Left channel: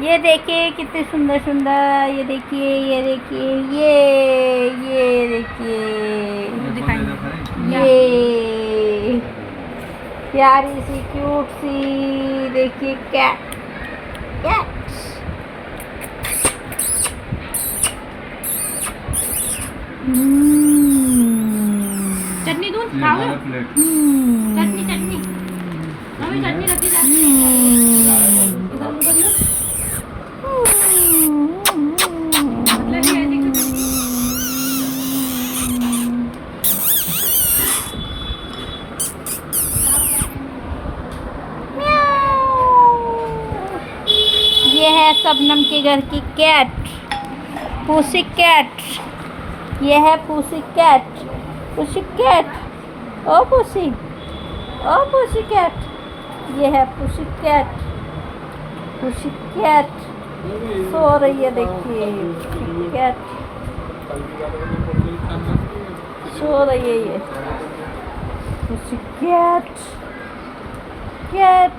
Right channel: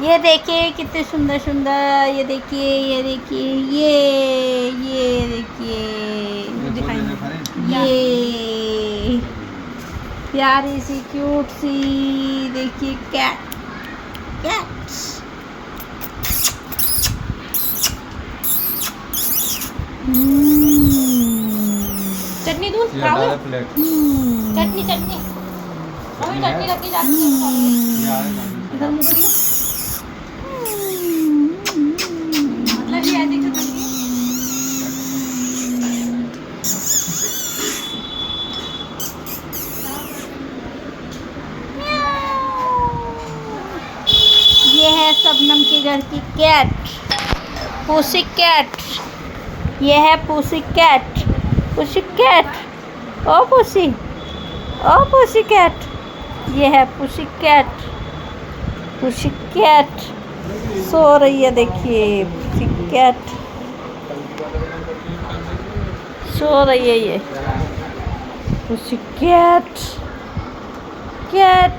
ये देखिए कितने सुंदर सुंदर, ये देखिए, ये देखिए, ये देखिए, ये प्यारी सी क्यूट सी, देखिए कैट, कैट। चटनी दूध खाओगे? चटनी चटनी मम्मी, चटनी लगी जाती है। मतलब ये है कि ये है शबनम के घर की कैट, पुसी कैट। ये है pussy cat, pussy cat, O pussy, O pussy cat. ये है पुसी कैट, पुसी कैट सो रही है, देखिए पुसी कैट सो रही है। ये पुसी कैट, कैट।